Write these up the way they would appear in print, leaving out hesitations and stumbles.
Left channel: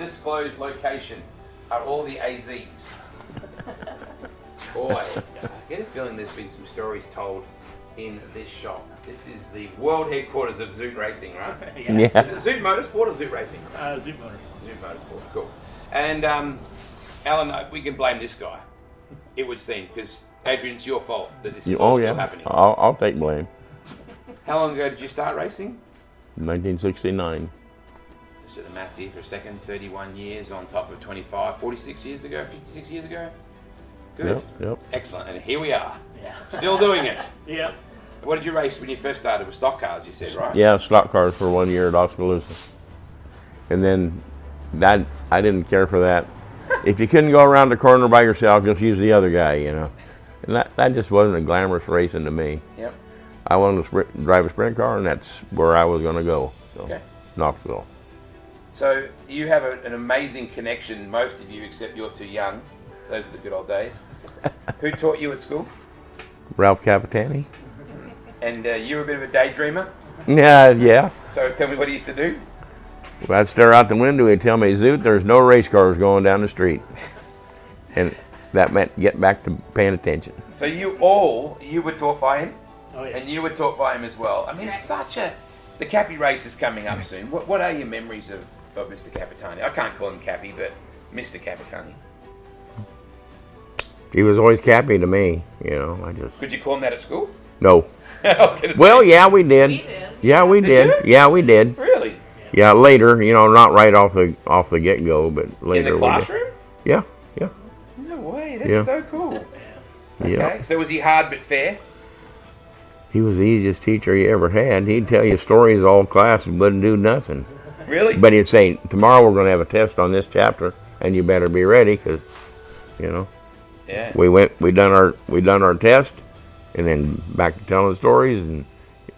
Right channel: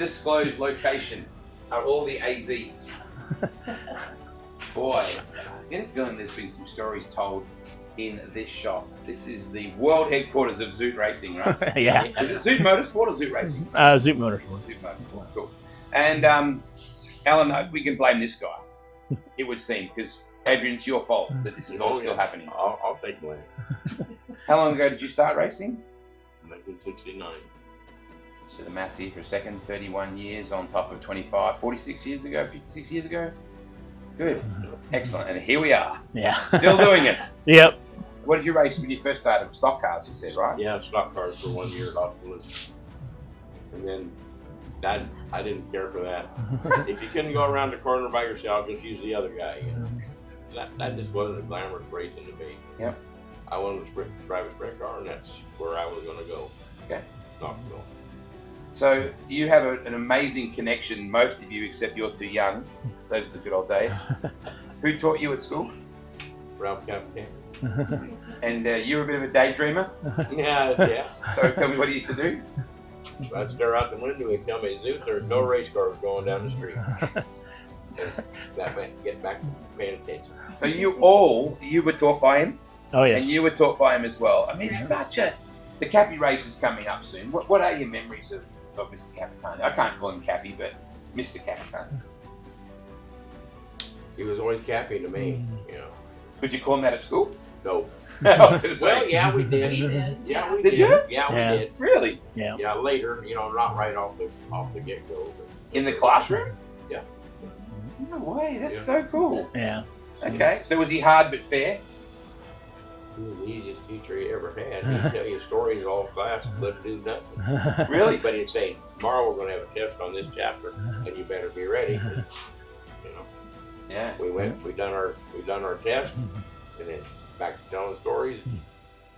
undisclosed location are all the AZs. Boy, I get a feeling there's been some stories told in this shop. This is the world headquarters of Zoutte Racing, right? Yeah. Is it Zoutte Motorsport or Zoutte Racing? Zoutte Motorsport. Zoutte Motorsport, cool. And Alan, we can blame this guy, it would seem, because Adrian, it's your fault that this is all still happening. I'll take blame. How long ago did you start racing? 1969. So the maths here for a second, 31 years on top of 25, 46 years ago, 56 years ago? Good. Yep. Excellent. And here we are. Yeah. Still doing it. Yep. What did you race when you first started with stock cars, you said, right? Yeah, stock cars for 1 year at Oskaloosa. And then that, I didn't care for that. If you couldn't go around the corner by yourself, just use the other guy, you know. And that just wasn't a glamorous racing to me. Yep. I wanted to drive a sprint car, and that's where I was going to go. So, Okay. Knoxville. So you have an amazing connection, most of you, except you're too young. Those are the good old days. Who taught you at school? Ralph Capitani. And you're a bit of a daydreamer. Yeah. So tell me what he used to do. I'd stare out the window and tell me, Zoutte, there's no race cars going down the street. And that meant get back to paying attention. So you were taught by him? Oh, yes. And you were taught by him as well. I mean, it's such a... The Cappy race is coming up soon. What are your memories of Mr. Capitani? I can't call him Cappy, but Mr. Capitani. He was always Cappy to me, you know. Could you call him that at school? No. Well, yeah, we did. Yeah, we did. Yeah, we did. Really? Yeah, later, you know, not right off the get-go, but later. In the classroom? Yeah. No way, that's so cool. Yeah. Okay, so was he hard but fair? He was the easiest teacher he ever had. He'd tell you stories all class and wouldn't do nothing. Really? But he'd say, tomorrow we're going to have a test on this chapter, and you better be ready, because, you know. Yeah. We done our test, and then back to telling stories, and,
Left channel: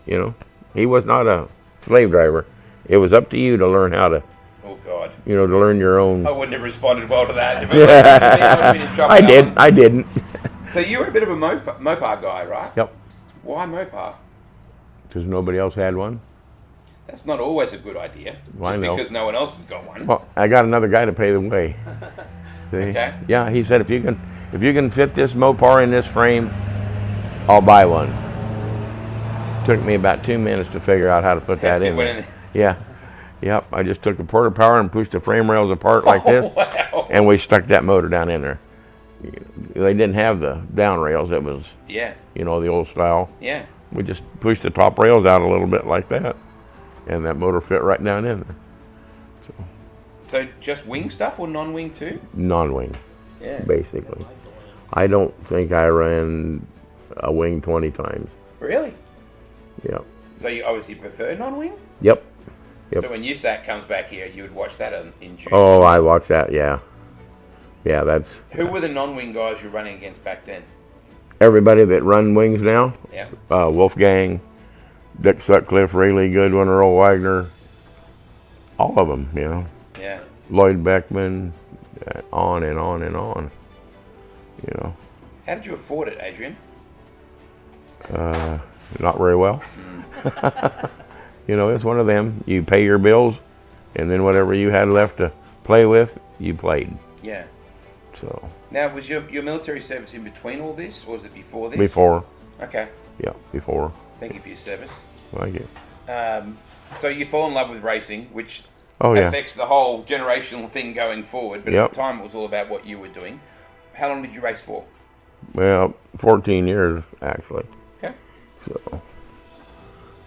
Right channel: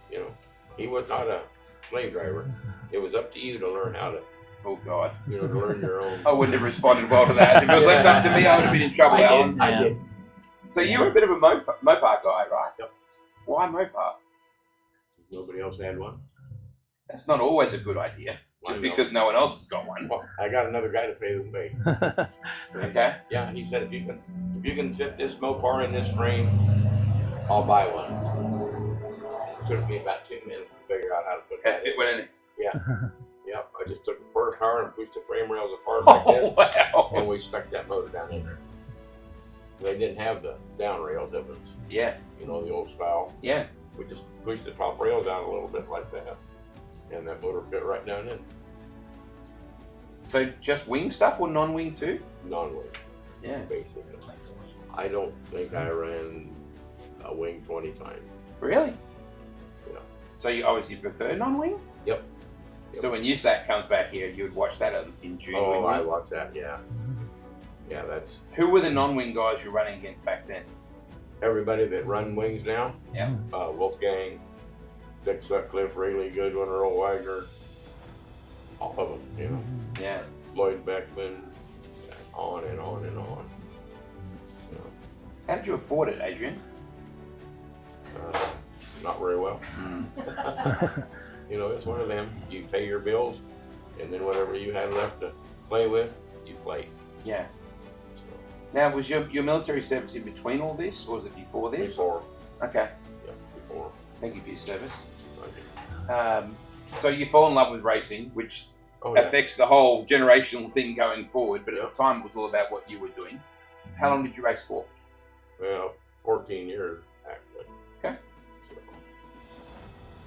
you know, he was not a slave driver. It was up to you to learn how to. Oh God. You know, to learn your own. I wouldn't have responded well to that. If it was up to me, I would have been in trouble. I didn't. So you were a bit of a Mopar guy, right? Yep. Why Mopar? Because nobody else had one. That's not always a good idea. Well, just because no one else has got one. Well, I got another guy to pay the way. Okay. Yeah, he said if you can fit this Mopar in this frame, I'll buy one. Took me about 2 minutes to figure out how to put that in there. Yeah. Yep. I just took the porta power and pushed the frame rails apart like this, and we stuck that motor down in there. They didn't have the down rails. It was, you know, the old style. Yeah. We just pushed the top rails out a little bit like that, and that motor fit right down in there. So just wing stuff or non-wing too? Non-wing, basically. I don't think I ran a wing 20 times. Really? Yeah. So you obviously prefer non-wing? Yep. So when USAC comes back here, you would watch that in June? Oh, I watched that, yeah. Yeah, that's... Who were the non-wing guys you were running against back then? Everybody that run wings now. Yeah. Wolfgang, Dick Sutcliffe, Rayleigh Goodwin, Earl Wagner. All of them, you know. Yeah. Lloyd Beckman, on and on and on. You know. How did you afford it, Adrian? Not very well. You know, it's one of them. You pay your bills, and then whatever you had left to play with, you played. Yeah. So. Now, was your military service in between all this, or was it before this? Before. Okay. Yeah, before. Thank you for your service. Thank you. So you fall in love with racing, which Oh, yeah. affects the whole generational thing going forward. But Yep. at the time, it was all about what you were doing. How long did you race for? Well, 14 years, actually. Okay. So,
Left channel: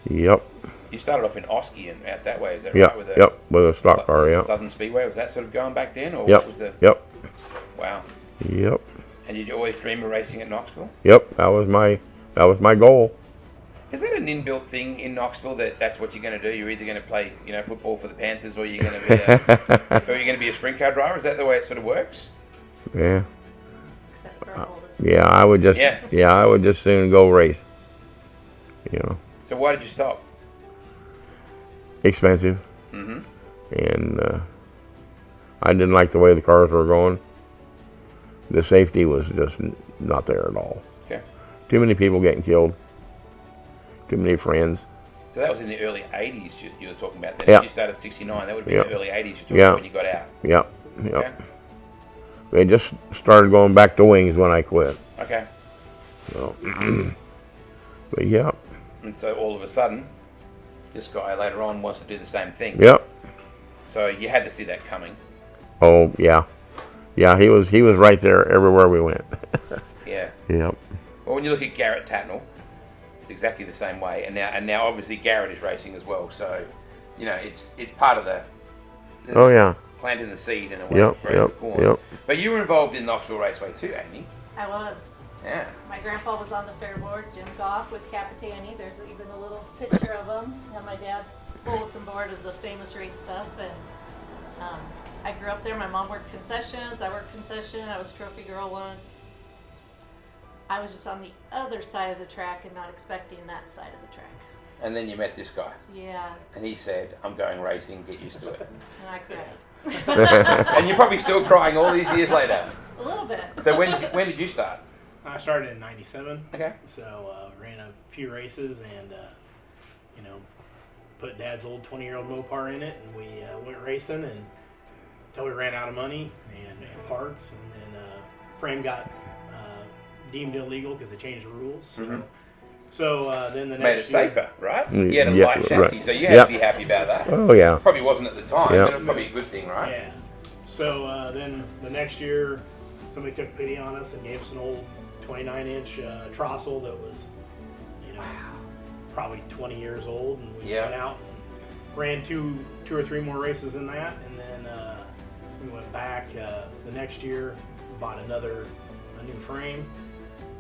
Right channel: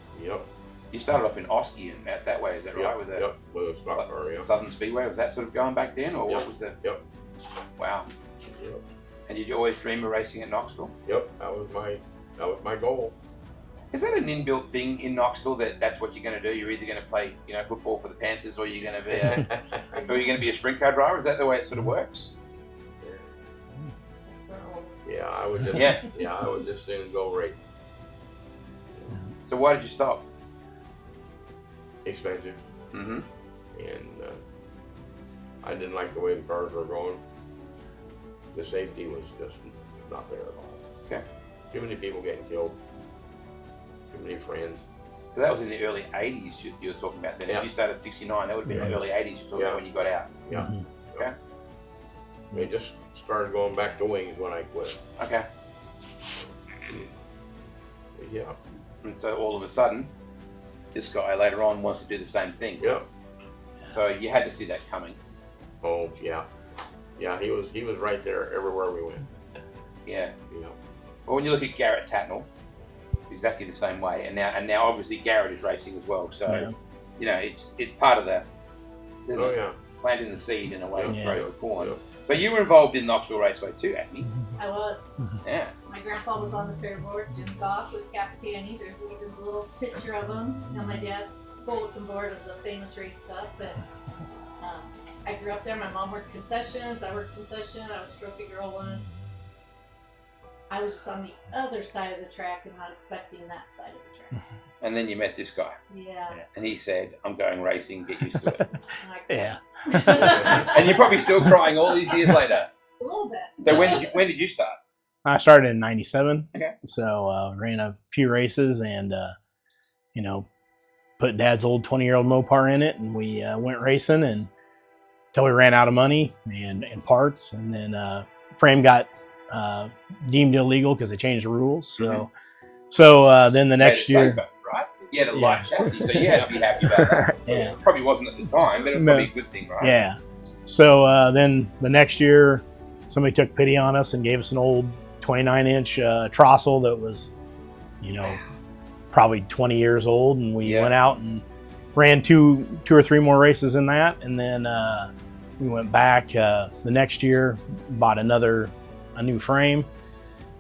yep. You started off in Oski and out that way, is that Yep, right? With yep, with a stock car, yep. Southern Speedway, was that sort of going back then? Or Yep, what was the... yep, Wow. yep, And did you always dream of racing at Knoxville? yep, that was my goal. Is that an inbuilt thing in Knoxville that's what you're going to do? You're either going to play, football for the Panthers, or you're going to be, or you're going to be a sprint car driver? Is that the way it sort of works? Yeah. Yeah, I would just soon go race. You know. So why did you stop? Expensive. Mm-hmm. And I didn't like the way the cars were going. The safety was just not there at all. Okay. Too many people getting killed. Too many friends. So that was in the early 80s you were talking about then. Yeah. If you started 69, that would have been Yeah. the early 80s you're talking Yeah. about when you got out. Yep. Yep. Okay. They just started going back to wings when I quit. Okay. So, but yeah. And so all of a sudden, this guy later on wants to do the same thing. Yep. So you had to see that coming. Oh yeah. Yeah, he was right there everywhere we went. Yeah. Yep. Well, when you look at Garrett Tatnall, it's exactly the same way. And now obviously Garrett is racing as well. So, you know, it's part of the Oh yeah. planting the seed in a way. Yep. to grow the corn. Yep. But you were involved in Knoxville Raceway too, Amy. I was. Yeah. My grandpa was on the fair board, Jim Goff with Capitani. There's even a little picture of him on my dad's bulletin board of the famous race stuff. And I grew up there. My mom worked concessions. I worked concession. I was trophy girl once. I was just on the other side of the track and not expecting that side of the track. And then you met this guy. Yeah. And he said, I'm going racing, get used to it. And I cried. Yeah. And you're probably still crying all these years later. A little bit. So when did you start? I started in '97. Okay. So ran a few races and, you know, put Dad's old 20-year-old Mopar in it, and we went racing until we ran out of money and parts, and then frame got deemed illegal because they changed the rules. So then the next year, safer, right? You had a Yeah, light chassis, right. so you had to be happy about that. Oh yeah. Probably wasn't at the time, Yeah. but it was probably a good thing, right? yeah. So then the next year, somebody took pity on us and gave us an old 29-inch Trossel that was, you know, probably 20 years old, and we went out and ran two or three more races in that, and then we went back the next year, bought a new frame,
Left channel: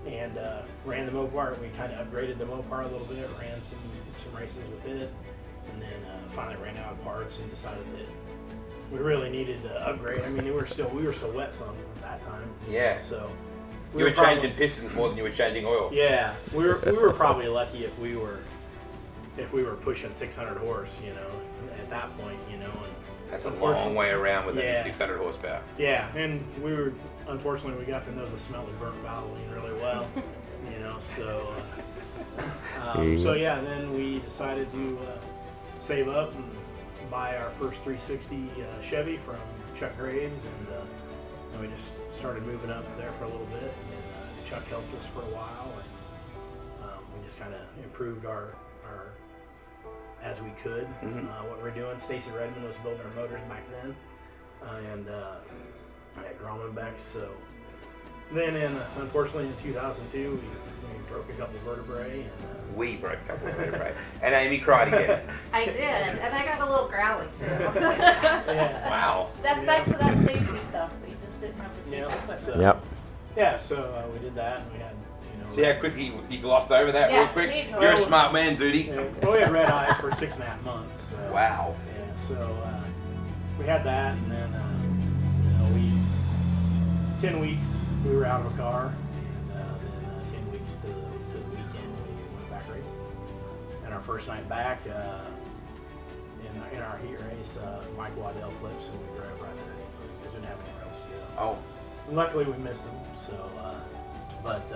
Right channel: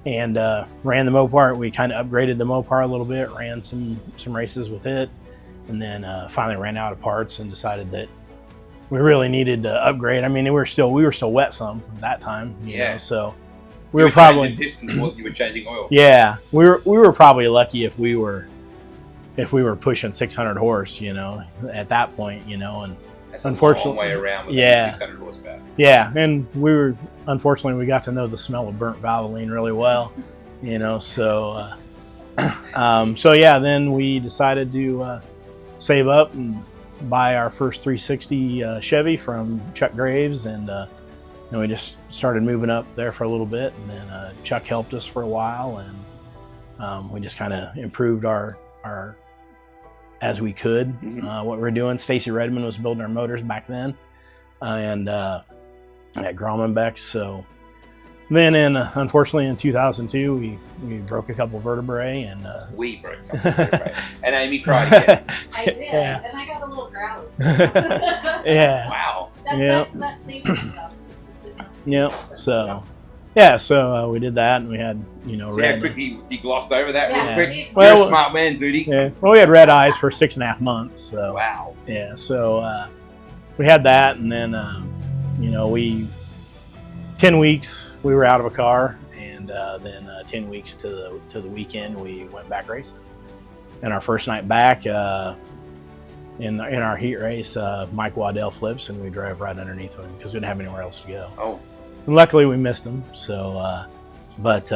and ran the Mopar. We kind of upgraded the Mopar a little bit, ran some races with it, and then finally ran out of parts and decided that we really needed to upgrade. I mean, we were still wet some at that time. You know, so we were probably changing pistons more than you were changing oil. Yeah, we were probably lucky if we were pushing 600 horse, you know, at that point, you know, and That's unfortunately, a long way around with yeah. 600 horsepower. Yeah, and unfortunately we got to know the smell of burnt Valvoline really well, you know, so then we decided to save up and buy our first 360 Chevy from Chuck Graves, and then we just started moving up there for a little bit, and then Chuck helped us for a while, and we just kind of improved our as we could what we're doing. Stacy Redmond was building our motors back then, and at Graumanbeck. So then, unfortunately, in 2002, we broke a couple vertebrae, and We broke a couple of vertebrae. And Amy cried again. I did, and I got a little growly. So. yeah. Wow. That's back to that safety stuff. We just didn't have the safety equipment. So yeah, so we did that, and we had, you know, See how quick he glossed over that real quick? Yeah. Well, You're a smart man, Zoutte. yeah. Well, we had red eyes for 6.5 months. So. Wow. Yeah, so we had that, and then you know, 10 weeks we were out of a car, and then 10 weeks to the weekend we went back racing. And our first night back in our heat race, Mike Waddell flips, and we drove right underneath him because we didn't have anywhere else to go. Oh. And luckily we missed him. So, but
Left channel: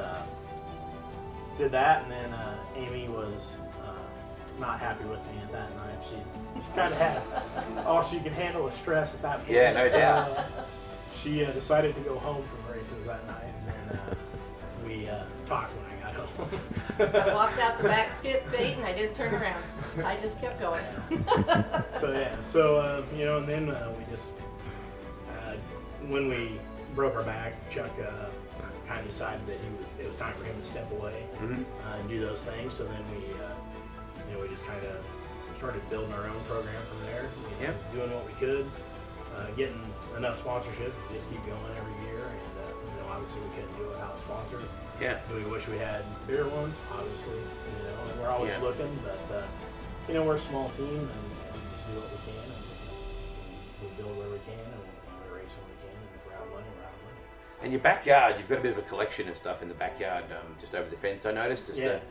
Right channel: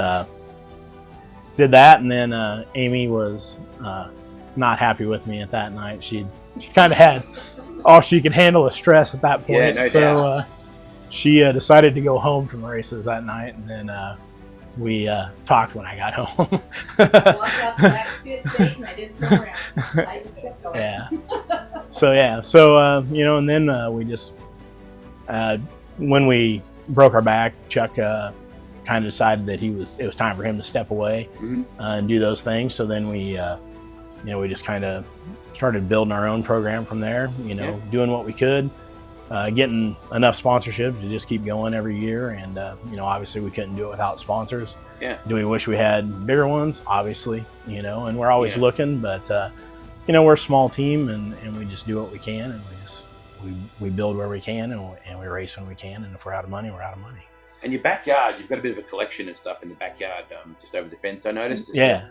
did that, and then Amy was not happy with me at that night. She kind of had all she could handle of stress at that point. Yeah, no doubt. She decided to go home from races that night, and then we talked when I got home. Walked out the back gate, and I didn't turn around. I just kept going. Yeah. You know, and then we just when we broke our back, Chuck kind of decided that it was time for him to step away and do those things. So then we, you know, we just kind of started building our own program from there. You know, doing what we could, getting enough sponsorships to just keep going every year. And you know, obviously we couldn't do it without sponsors. Yeah. Do we wish we had bigger ones? Obviously, you know, and we're always looking. But you know, we're a small team, and we just do what we can, and we build where we can, and we race when we can. And if we're out of money, we're out of money. And your backyard, you've got a bit of a collection of stuff in the backyard, just over the fence, I noticed. Yeah.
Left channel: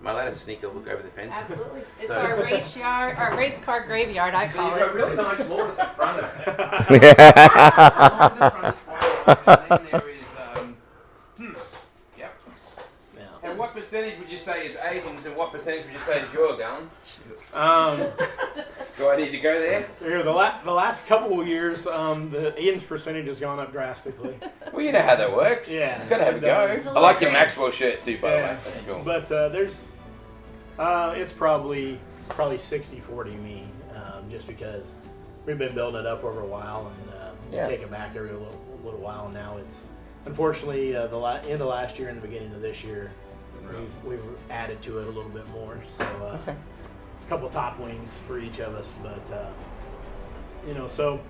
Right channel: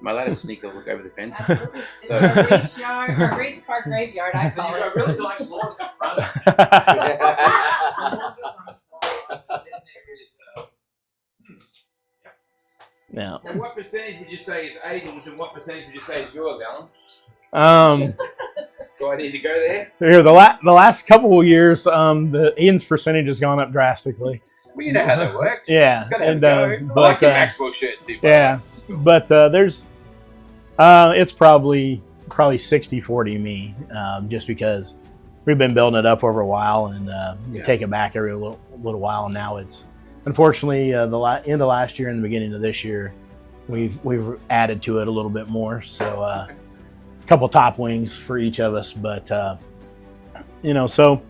Am I allowed to sneak a look over the fence? Absolutely. It's So- our race yard, our race car graveyard, I call it. really nice lawn at the front of it. And then there is, Yeah. And what percentage would you say is Aiden's, and what percentage would you say is yours, Alan? Do I need to go there? Here, the last couple of years, the Aiden's percentage has gone up drastically. Well, you know how that works. Yeah, it's got to have it a go. does. I like your Maxwell shirt too. Yeah, that's cool. But there's, it's probably 60-40 me, just because we've been building it up over a while and take it back every little while. And now it's, unfortunately, end of last year and the beginning of this year, we've added to it a little bit more. So a couple top wings for each of us, but so.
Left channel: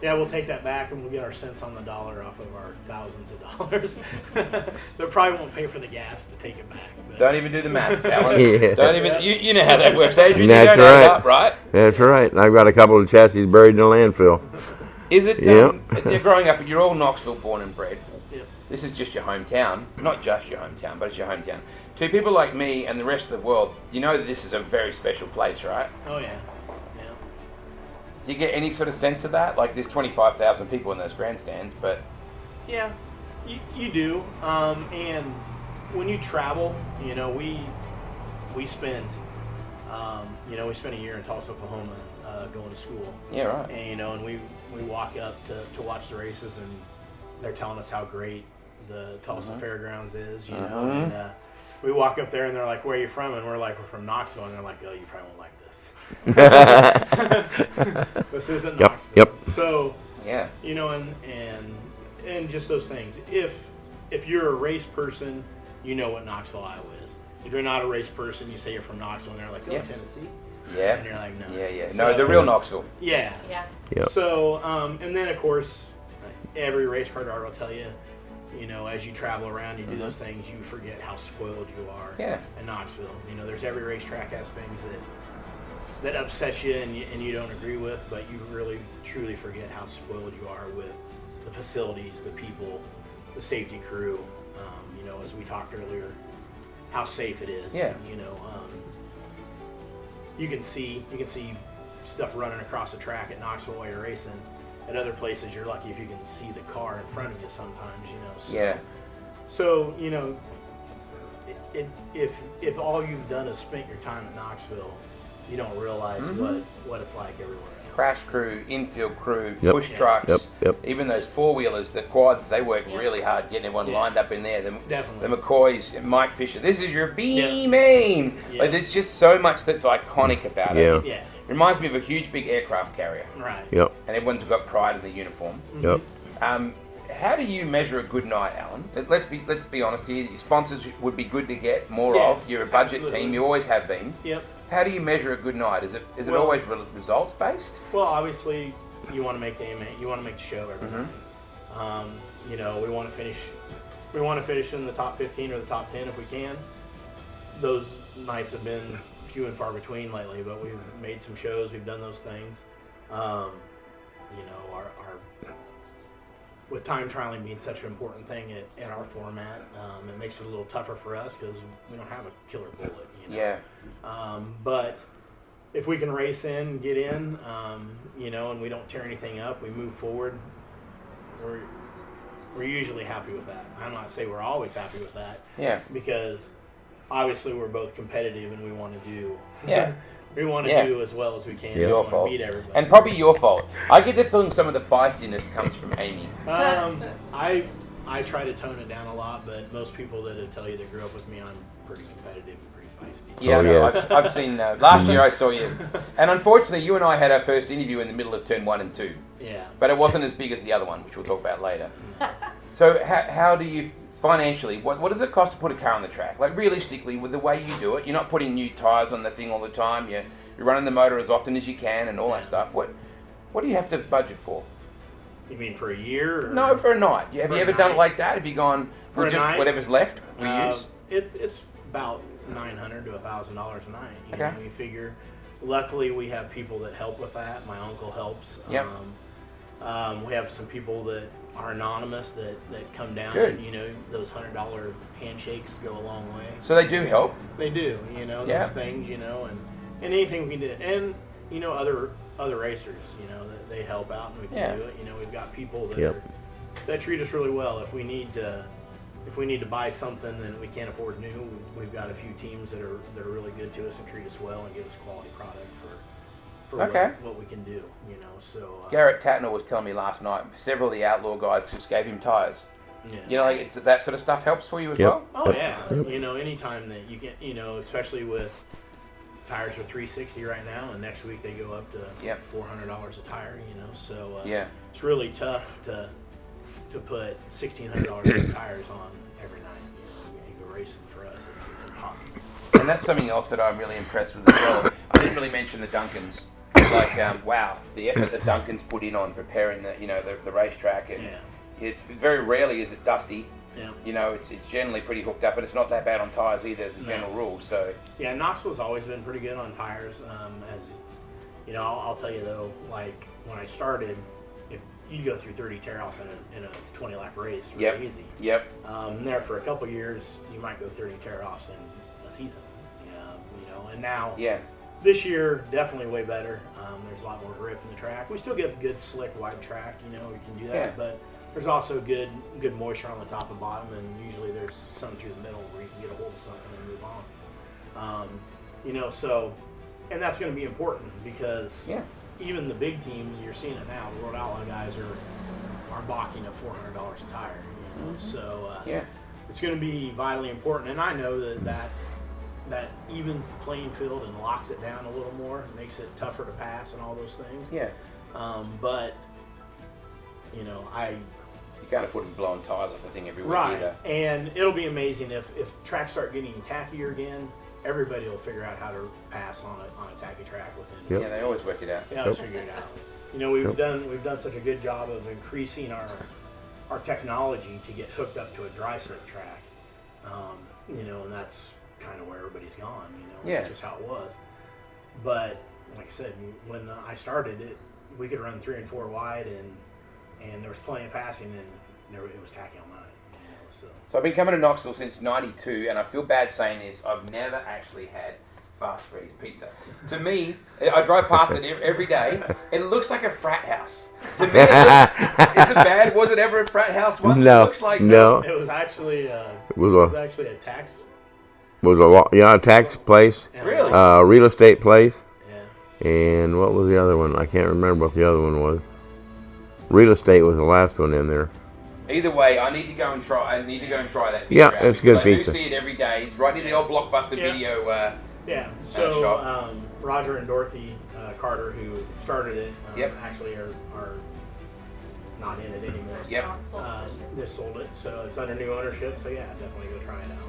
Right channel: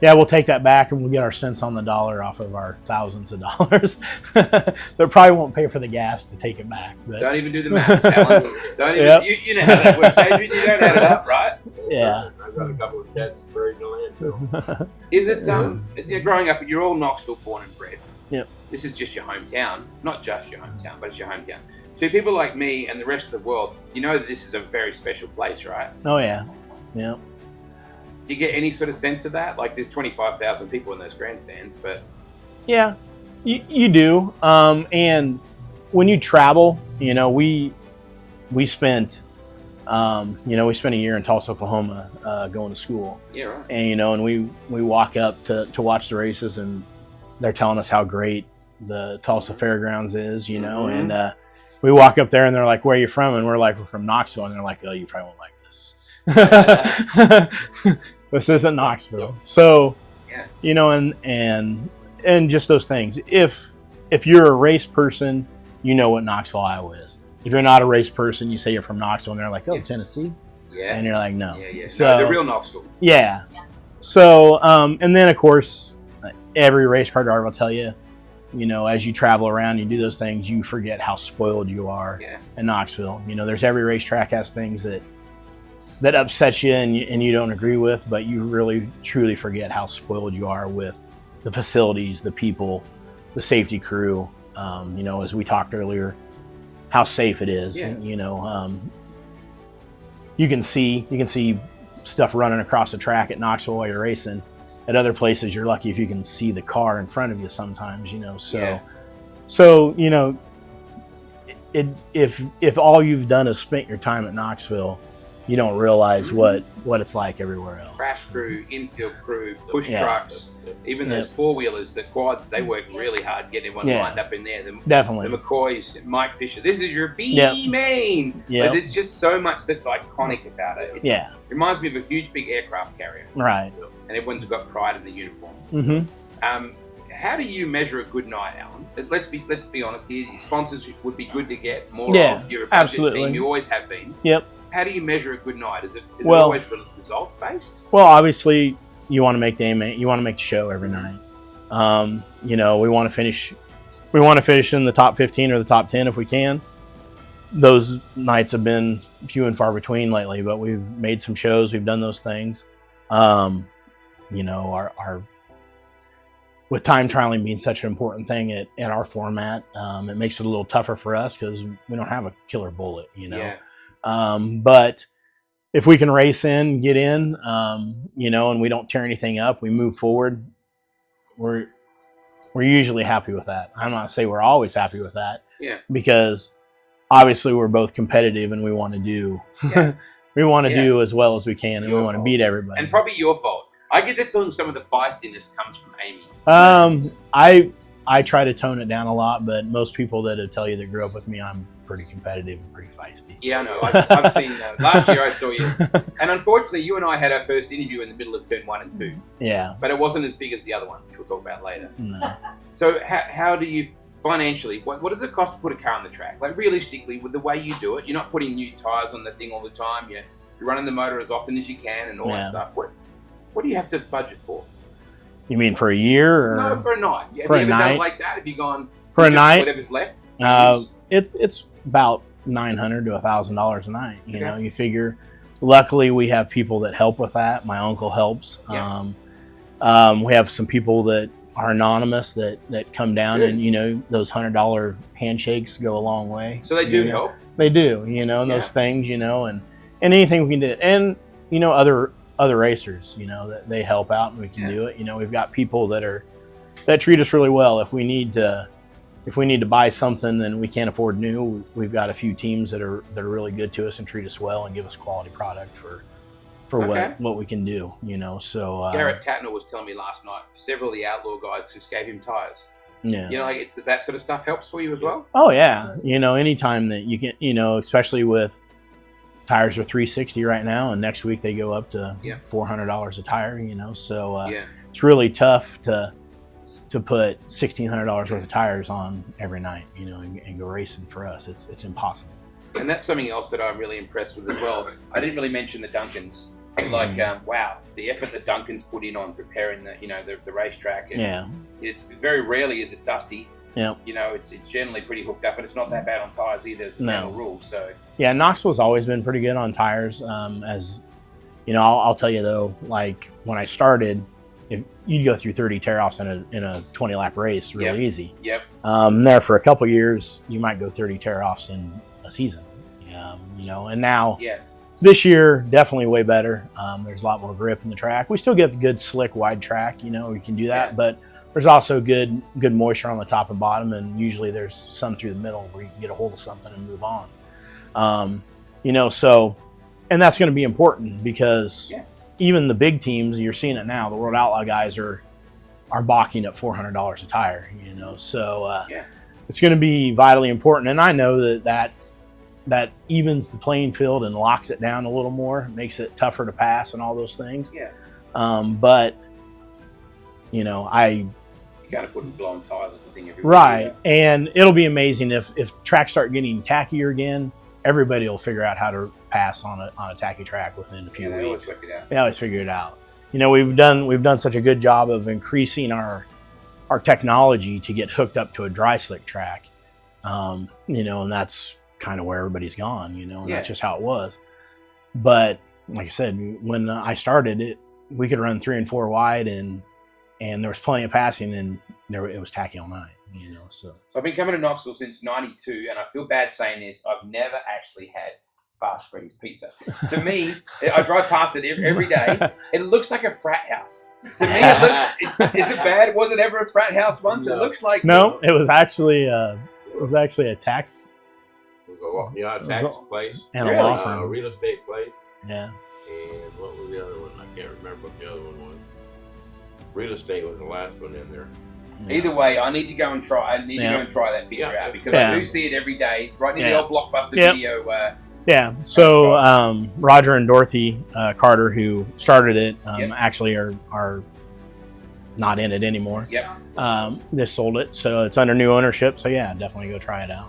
Yeah, we'll take that back and we'll get our cents on the dollar off of our thousands of dollars. That probably won't pay for the gas to take it back. But. Don't even do the math, Alan. Yeah. Don't even. You know how that works, Adrian. That's you don't right. Add up, right? That's right. And I've got a couple of chassis buried in the landfill. Is it? You're growing up. You're all Knoxville born and bred. Yep. This is just your hometown. Not just your hometown, but it's your hometown. To people like me and the rest of the world, you know that this is a very special place, right? Oh yeah. Yeah. Do you get any sort of sense of that? Like, there's 25,000 people in those grandstands, but... Yeah, you do. And when you travel, we spent, we spent a year in Tulsa, Oklahoma, going to school. Yeah, right. And, and we walk up to watch the races, and they're telling us how great the Tulsa Fairgrounds is, and we walk up there, and they're like, "Where are you from?" And we're like, "We're from Knoxville." And they're like, "Oh, you probably won't like this." This isn't Knoxville. Yep. So, yeah, and just those things. If you're a race person, you know what Knoxville, Iowa is. If you're not a race person, you say you're from Knoxville, and they're like, "Oh, Tennessee." Yeah. And you're like, "No." Yeah. So, no, the real Knoxville. Yeah. Yeah. Yep. So, and then of course, every race car driver will tell you, as you travel around, you do those things, you forget how spoiled you are in Knoxville. There's every racetrack has things that upsets you and you don't agree with, but you really truly forget how spoiled you are with the facilities, the people, the safety crew. As we talked earlier, how safe it is. Yeah. You can see stuff running across the track at Knoxville while you're racing. At other places, you're lucky if you can see the car in front of you sometimes. So if all you've done is spent your time at Knoxville, you don't realize what it's like everywhere else. Crash crew, infield crew, push Yep. trucks, Yep. even those four-wheelers, the quads, they work really hard getting everyone lined up in there. Definitely. The McCoys, Mike Fisher, this is your B-main. Yep. But there's just so much that's iconic about it. Yeah. It reminds me of a huge, big aircraft carrier. Right. Yep. And everyone's got pride in the uniform. Yep. How do you measure a good night, Alan? Let's be honest here. Your sponsors would be good to get more of. You're a budget absolutely. team. You always have been. Yep. How do you measure a good night? Is it always results based? Well, obviously, you want to make the show every night. We want to finish in the top 15 or the top 10 if we can. Those nights have been few and far between lately, but we've made some shows. We've done those things. Our with time trialing being such an important thing at our format, it makes it a little tougher for us because we don't have a killer bullet. Yeah. But if we can race in, get in, and we don't tear anything up, we move forward, we're usually happy with that. I'm not going to say we're always happy with that. Yeah. Because obviously we're both competitive and we want to do do as well as we can. And we want to beat everybody. And probably your fault. I get the feeling some of the feistiness comes from Amy. I try to tone it down a lot, but most people that tell you they grew up with me, I'm pretty competitive and pretty feisty. Yeah, I've seen that. Last year I saw you. And unfortunately, you and I had our first interview in the middle of turn 1 and 2. Yeah. But it wasn't as big as the other one, which we'll talk about later. No. So how do you, financially, what does it cost to put a car on the track? Like, realistically, with the way you do it, you're not putting new tyres on the thing all the time. You're running the motor as often as you can and all that stuff. What do you have to budget for? You mean for a year? Or? No, for a night. Have you ever done it like that? Have you gone for a night? Whatever's left? It's about $900 to $1,000 a night. You figure. Luckily, we have people that help with that. My uncle helps. Yeah. We have some people that are anonymous that come down. Good. And those $100 handshakes go a long way. So they do help. They do. Those things. And anything we can do, and other racers, that they help out and we can do it. We've got people that treat us really well. If we need to if we need to buy something and we can't afford new, we've got a few teams that are really good to us and treat us well and give us quality product for what we can do, you know. So Garrett Tatner was telling me last night, several of the Outlaw guys just gave him tires. Yeah. You know, like it's that sort of stuff helps for you as well. Oh yeah. You know, anytime that you can, you know, especially with tires are $360 right now, and next week they go up to $400 a tire, you know. So it's really tough to put $1,600 worth of tires on every night, you know, and go racing. For us, it's impossible. And that's something else that I'm really impressed with as well. I didn't really mention the Duncans. Like, wow, the effort that Duncan's put in on preparing the racetrack. And it's very rarely is it dusty. Yeah. You know, it's generally pretty hooked up, but it's not that bad on tires either as a general rule. So yeah, Knoxville's always been pretty good on tires. As you know, I'll tell you though, like when I started, if you'd go through 30 tear-offs in a 20-lap race really easy. Yep. There for a couple years, you might go 30 tear-offs in a season. You know, and now this year definitely way better. There's a lot more grip in the track. We still get good slick wide track. You know, we can do that, but there's also good moisture on the top and bottom, and usually there's some through the middle where you can get a hold of something and move on. You know, so, and that's going to be important because even the big teams, you're seeing it now, the World Outlaw guys are balking at $400 a tire, you know, so it's going to be vitally important. And I know that evens the playing field and locks it down a little more, makes it tougher to pass and all those things. But, you know, you can't afford to be blowing tires off the thing every week. Right, and it'll be amazing if tracks start getting tackier again. Everybody will figure out how to pass on a tacky track within a few weeks. They always work it out. They always figure it out. You know, we've done such a good job of increasing our technology to get hooked up to a dry slick track. You know, and that's kind of where everybody's gone. You know, and that's just how it was. But like I said, when I started we could run 3 and 4 wide, and there was plenty of passing, and it was tacky all night. You know, so I've been coming to Knoxville since '92, and I feel bad saying this. I've never actually had Fast Freddy's Pizza. To me, I drive past it every day. It looks like a frat house. To me, is it bad? Was it ever a frat house once? No. It looks like no. It was actually a tax. It was a tax place, and real estate place. Yeah. And what was the other one? I can't remember what the other one was. Real estate was the last one in there. Either way, I need to go and try. I need to go and try that pizza. Yeah, it's good. I do see it every day. It's right in the old Blockbuster video. So Roger and Dorothy Carter, who started it, actually are not in it anymore. They sold it, so it's under new ownership. So definitely go try it out.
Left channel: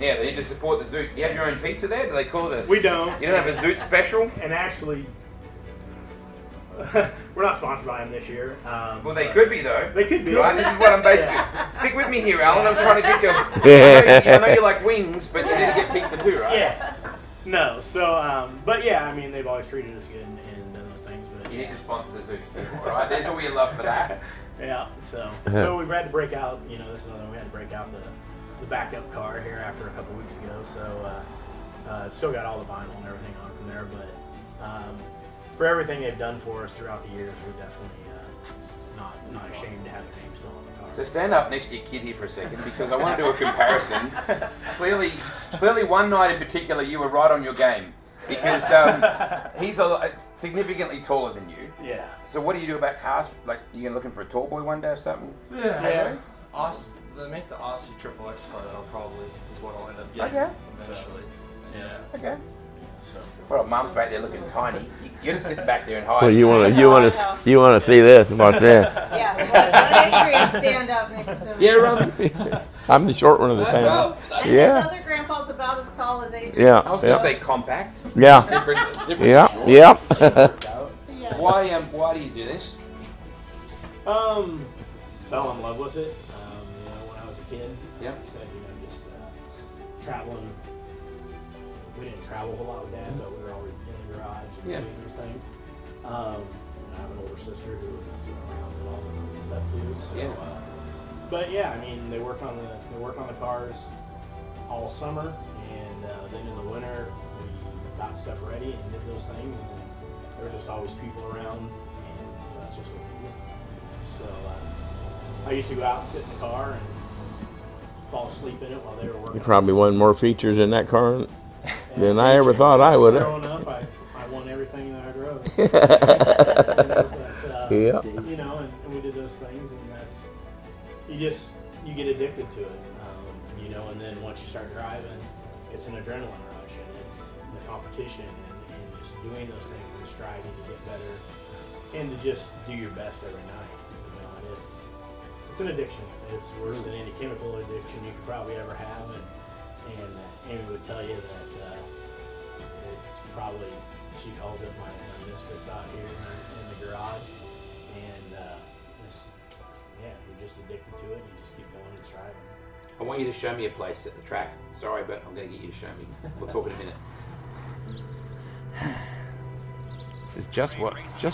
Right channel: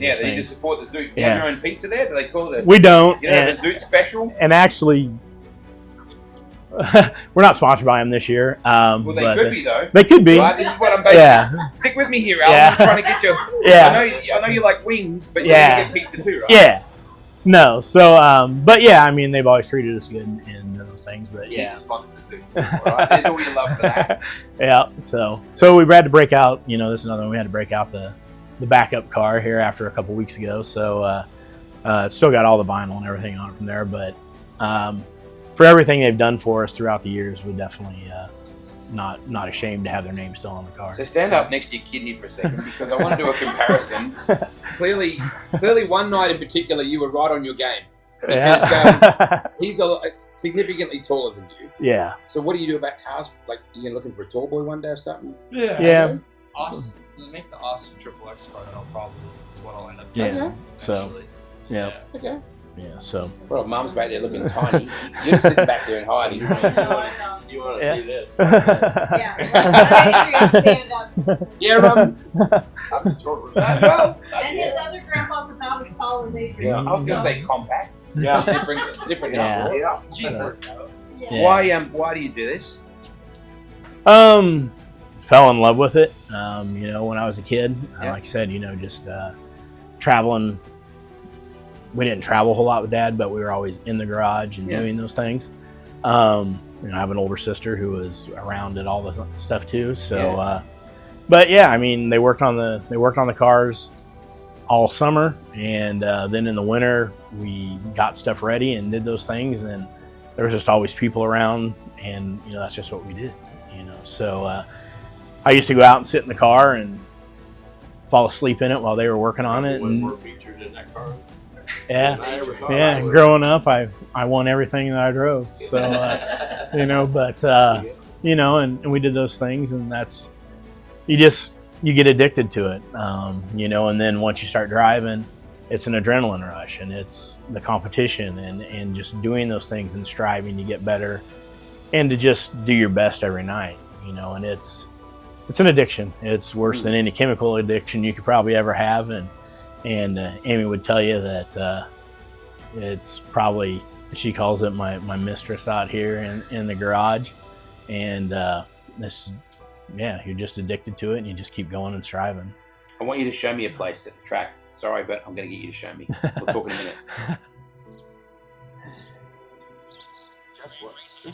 Yeah, they need to support the Zoutte. You have your own pizza there? Do they call it? We don't. You don't have a Zoutte special? And actually, we're not sponsored by them this year. Well, they could be, though. They could be. Right? This is what I'm basically... Stick with me here, Alan. I'm trying to get you... I know you like wings, but you need to get pizza too, right? Yeah. No, so, but I mean, they've always treated us good and those things, but You need to sponsor the Zoutte. All right? There's all your love for that. So we had to break out, this is another one, we had to break out the backup car here after a couple weeks ago, so it's still got all the vinyl and everything on it from there, but for everything they've done for us throughout the years, we're definitely not ashamed to have their name still on the car. So stand up next to your kid here for a second, because I want to do a comparison. Clearly one night in particular, you were right on your game. Because he's significantly taller than you. Yeah. So what do you do about cars? Like, you looking for a tall boy one day or something? Yeah. They make the Aussie Triple X car that'll probably is what I'll end up getting. Yeah. So. Yeah. Okay. Yeah. So. Well, Mom's back there looking tiny. You're sitting back there and hiding. Well, you want to see this? Watch that. Yeah. Adrian, stand up next to him. Yeah, Robin. I'm the short one of the family. And his other grandpa's about as tall as Adrian. Yeah. I was going to say compact. Yeah. It's different. It's different. Yeah. Yeah. Why do you do this? Fell in love with it. When I was a kid, like I said, just traveling. We didn't travel a whole lot with Dad, but we were always in the garage and doing those things. I have an older sister who was around at all the stuff too. So, they worked on the cars all summer, and then in the winter we got stuff ready and did those things, and there was just always people around, and that's just what we did. So I used to go out and sit in the car and fall asleep in it while they were working on it. Probably one more features in that car Yeah. than I ever thought I would. Growing up, I won everything that I drove. So, and we did those things, and that's, you get addicted to it, and then once you start driving, it's an adrenaline rush, and it's the competition and just doing those things and striving to get better and to just do your best every night, and it's an addiction. It's worse than any chemical addiction you could probably ever have, and Amy would tell you that it's probably, she calls it my mistress out here in the garage, and you're just addicted to it, and you just keep going and striving. I want you to show me a place at the track. Sorry, but I'm going to get you to show me. We'll talk in a minute. This is just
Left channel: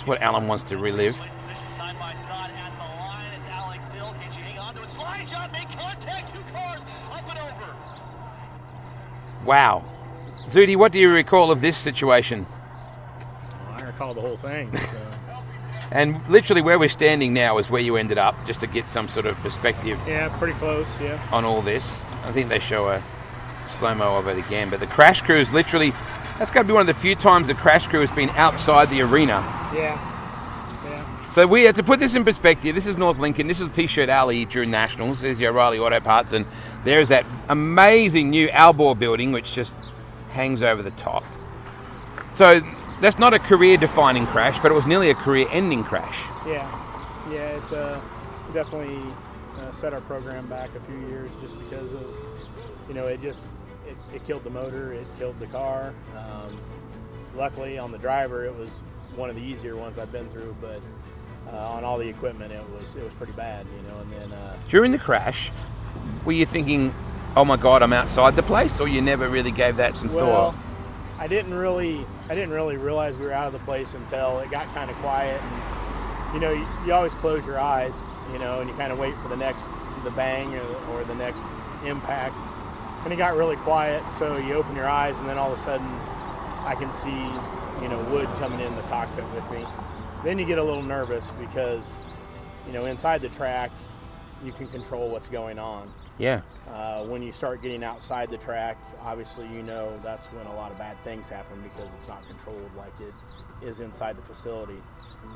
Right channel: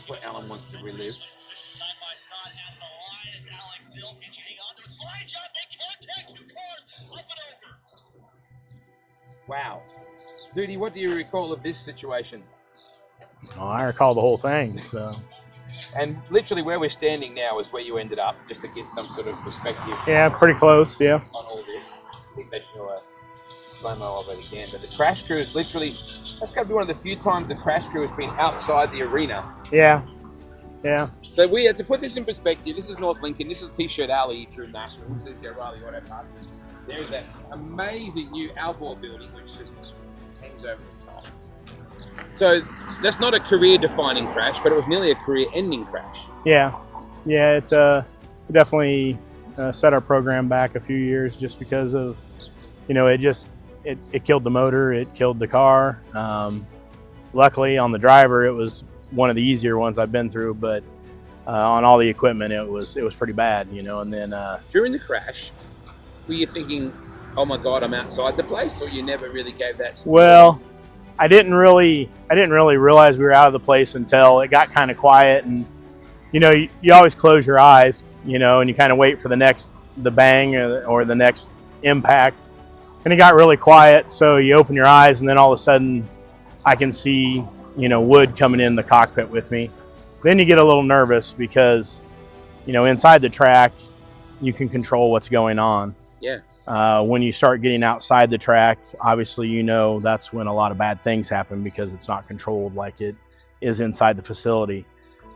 what Alan wants to relive. Side by side at the line is Alex Hill. Can she hang on to a slide job? Make contact. 2 cars up and over. Wow. Zoutte, what do you recall of this situation? Oh, I recall the whole thing. So. And literally where we're standing now is where you ended up, just to get some sort of perspective. Yeah, pretty close, yeah. On all this. I think they show a slow-mo of it again, but the crash crew is literally, that's got to be one of the few times the crash crew has been outside the arena. Yeah. So we had to put this in perspective. This is North Lincoln. This is T-Shirt Alley during Nationals. There's your O'Reilly Auto Parts, and there's that amazing new Albor building, which just hangs over the top. So that's not a career-defining crash, but it was nearly a career-ending crash. Yeah, it definitely set our program back a few years just because of, it killed the motor, it killed the car. Luckily on the driver, it was one of the easier ones I've been through, but on all the equipment, it was pretty bad, and then during the crash, were you thinking, oh my God, I'm outside the place, or you never really gave that some thought? I didn't really realize we were out of the place until it got kind of quiet, and you always close your eyes, and you kind of wait for the bang or the next impact, and it got really quiet. So you open your eyes, and then all of a sudden, I can see wood coming in the cockpit with me. Then you get a little nervous because inside the track, you can control what's going on. Yeah. When you start getting outside the track, obviously, that's when a lot of bad things happen because it's not controlled like it is inside the facility.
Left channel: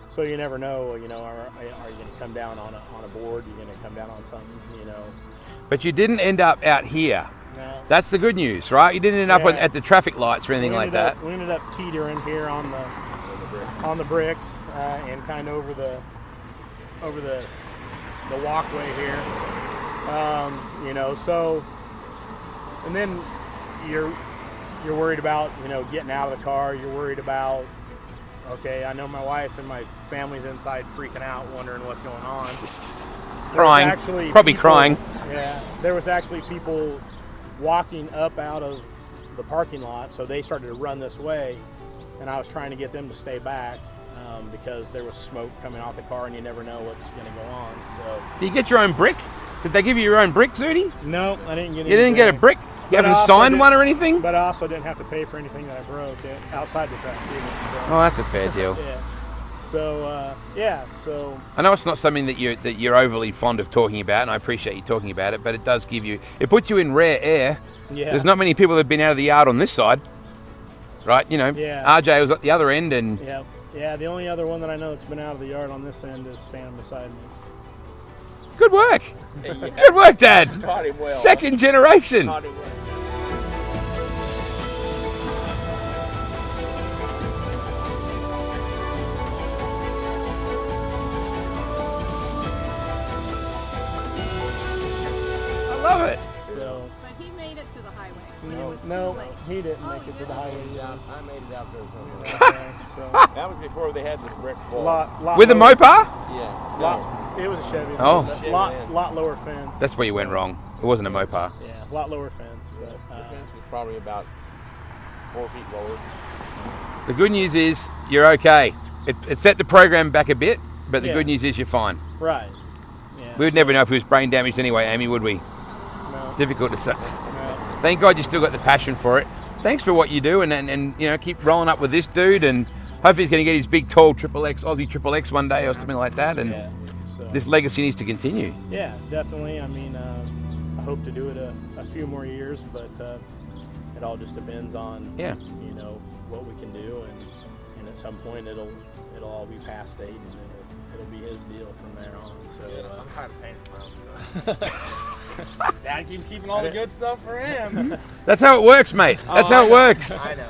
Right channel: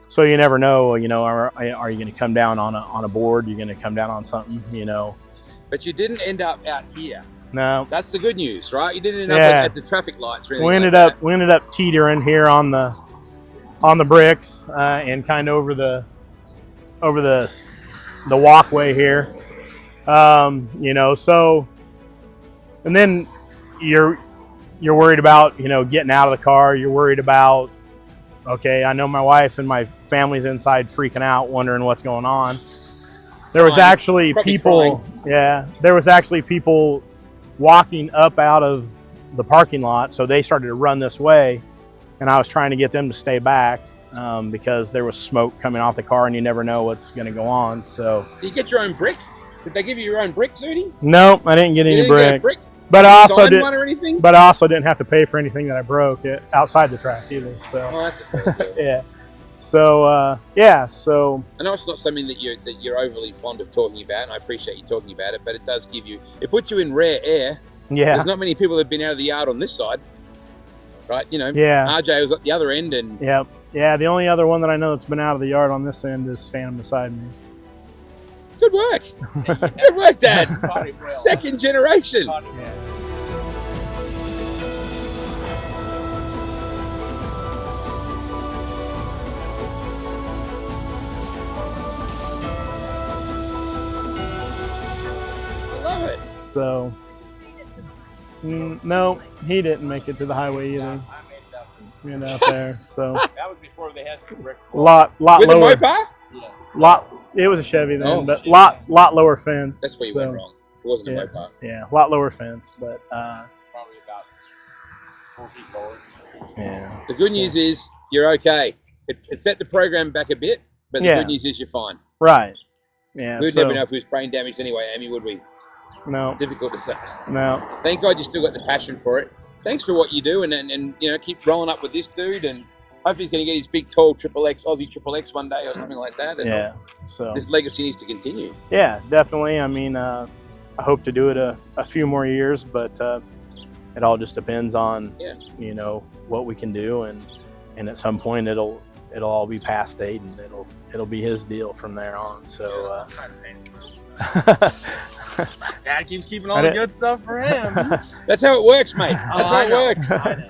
So you never know, are you going to come down on a board? You're going to come down on something, But you didn't end up out here. No. That's the good news, right? You didn't end up at the traffic lights or anything we ended like that. We ended up teetering here on the bricks and kind of over the walkway here. So, and then you're worried about, getting out of the car. You're worried about, okay, I know my wife and my family's inside freaking out, wondering what's going on. There was actually probably people, crying. Yeah, there was actually people walking up out of the parking lot. So they started to run this way, and I was trying to get them to stay back. Because there was smoke coming off the car, and you never know what's going to go on. So, did you get your own brick? Did they give you your own brick, Zoutte? No, I didn't get any brick. You didn't get a brick? But I also signed one or anything? But I also didn't have to pay for anything that I broke outside the track either. So. Oh, that's a fair deal. Yeah. So So I know it's not something that you're overly fond of talking about, and I appreciate you talking about it. But it does it puts you in rare air. Yeah. There's not many people that have been out of the yard on this side, right? Yeah. RJ was at the other end, and Yep. Yeah, the only other one that I know that's been out of the yard on this end is standing beside me. Good work. Good work, Dad. Taught him well. Second generation. Taught him well. I love it. So, But he made it to the highway. no, he didn't make it to the highway either. I made it out there. Out there, so That was before they had the brick. lot With a lower, Mopar? Yeah. It was a Chevy then, Oh. but Chevy, lot yeah. lower fence. That's where you went wrong. It wasn't a yeah. Mopar. Yeah, a lot lower fence, but Probably about 4 feet lower. yeah. The good news is you're okay. It set the program back a bit, but the Yeah. good news is you're fine. Right. Yeah. We'd never know if he was brain damaged anyway, Amy, would we? No. Difficult to say. No. Thank God you still got the passion for it. Thanks for what you do, and keep rolling up with this dude, and hopefully he's going to get his big, tall Aussie Triple X one day or something like that. And Yeah. So. this legacy needs to continue. Yeah, definitely. I mean, I hope to do it a few more years, but it all just depends on you know, what we can do, and at some point it'll all be past Aiden. It'll be his deal from there on. So I'm tired of paying for my own stuff. Dad keeps keeping all the good stuff for him. That's how it works, mate. That's how it works. I know.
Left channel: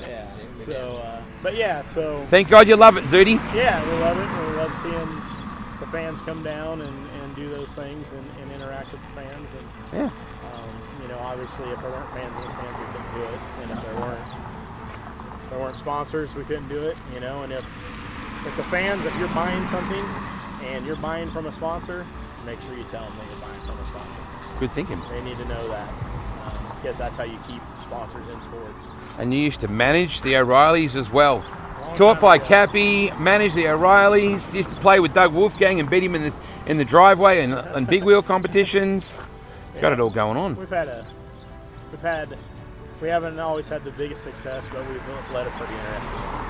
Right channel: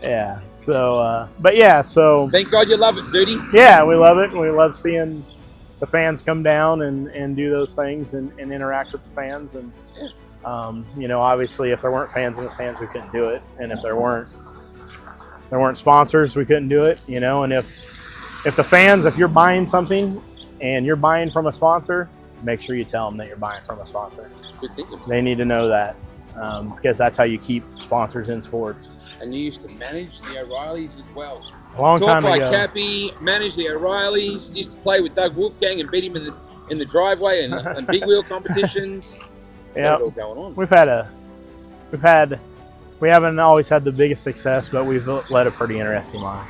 yeah. So but yeah. So Thank God you love it, Zoutte. yeah, we love it. We love seeing the fans come down and do those things and interact with the fans. And you know, obviously, if there weren't fans in the stands, we couldn't do it. And if there weren't sponsors, we couldn't do it. You know, and if the fans, if you're buying something and you're buying from a sponsor, make sure you tell them that you're buying from a sponsor. Good thinking. They need to know that because that's how you keep sponsors in sports. And you used to manage the O'Reillys as well. Long Talk time like ago. Cappy, managed the O'Reillys, used to play with Doug Wolfgang and beat him in the driveway and big wheel competitions. Got it all going on. We haven't always had the biggest success, but we've led a pretty interesting life.